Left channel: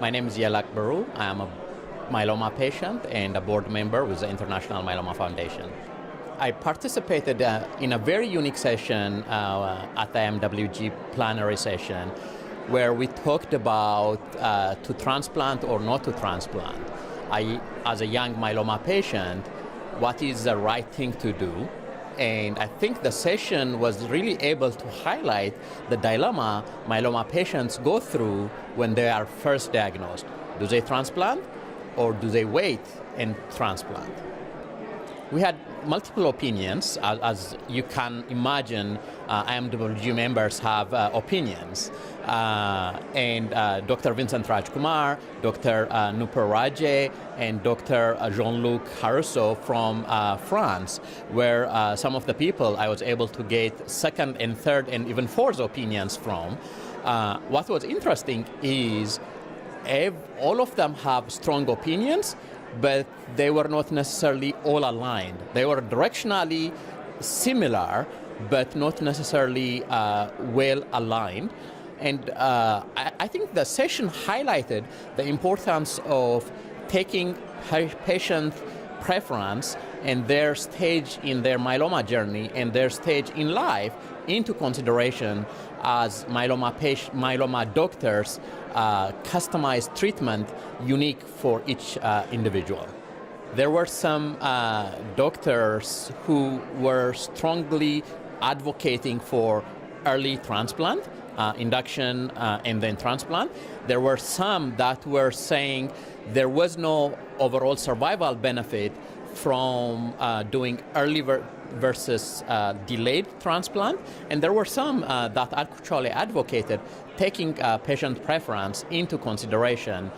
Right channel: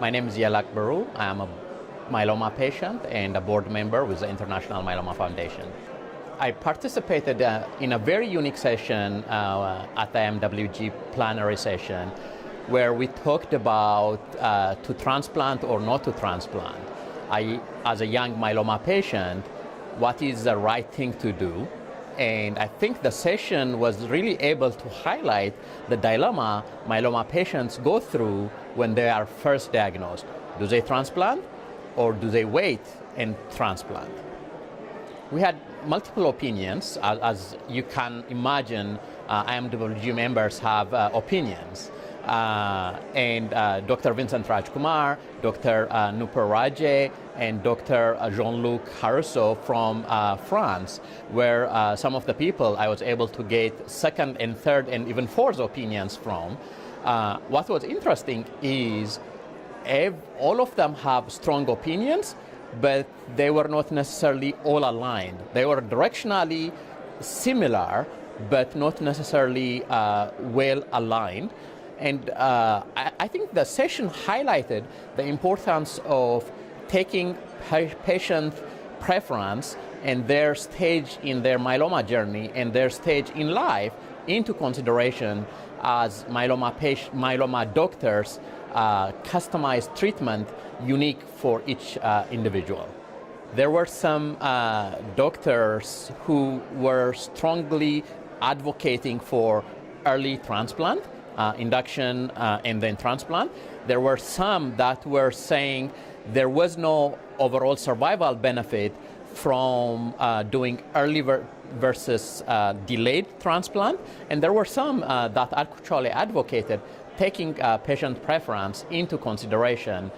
My name is Yelak Biru. I'm a myeloma patient and a board member with the International Myeloma Foundation. I participated in a very unique session at the MWG plenary session where we talked about to transplant or not to transplant. As a young myeloma patient, what is the right thing to do? And I think the session was really able to highlight the dilemma myeloma patients go through when they are first diagnosed. Do they transplant or do they wait and transplant? We had multiple opinions. As you can imagine, IMWG members have opinions. And Dr. Vincent Rajkumar, Dr. Nooper Raje, and Dr. Jean-Luc Harousseau from France were some of the people I was able to get second and third and even fourth opinions from. What was interesting is all of them have strong opinions, but they were not necessarily all aligned. They were directionally similar, but not necessarily well aligned. And I think the session highlighted the importance of taking patient preference and their stage in their myeloma journey and their stage in life into consideration as myeloma doctors customize treatment unique for each individual. There were some doctors who were strongly advocating for early transplant, induction and then transplant. There were some that were saying there was no overall survival benefit from doing early versus delayed transplant, and there were some that actually advocated taking patient preference into consideration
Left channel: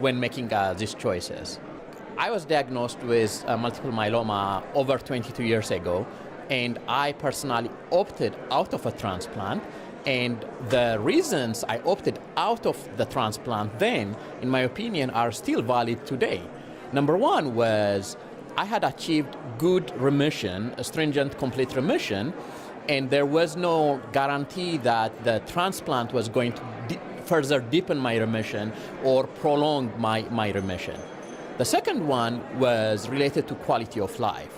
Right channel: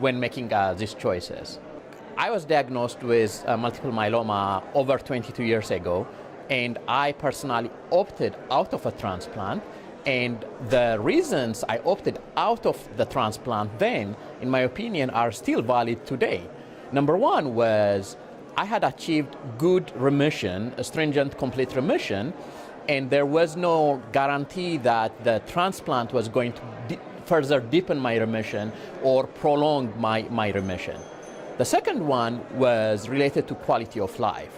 when making these choices. I was diagnosed with multiple myeloma over 22 years ago, and I personally opted out of a transplant. And the reasons I opted out of the transplant then, in my opinion, are still valid today. Number one was I had achieved good remission, a stringent complete remission, and there was no guarantee that the transplant was going to further deepen my remission or prolong my remission. The second one was related to quality of life.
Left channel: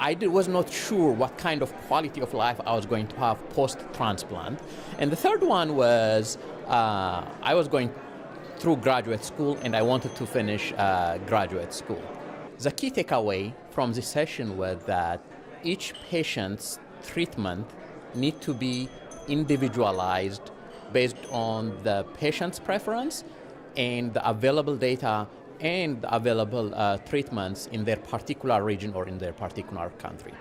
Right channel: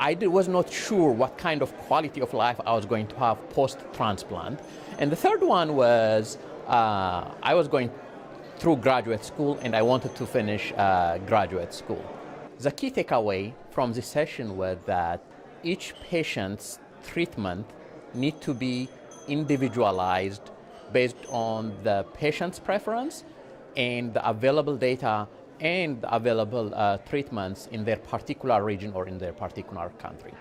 I was not sure what kind of quality of life I was going to have post-transplant. And the third one was I was going through graduate school and I wanted to finish graduate school. The key takeaway from this session was that each patient's treatment needs to be individualized based on the patient's preference and the available data and the available treatments in their particular region or in their particular country.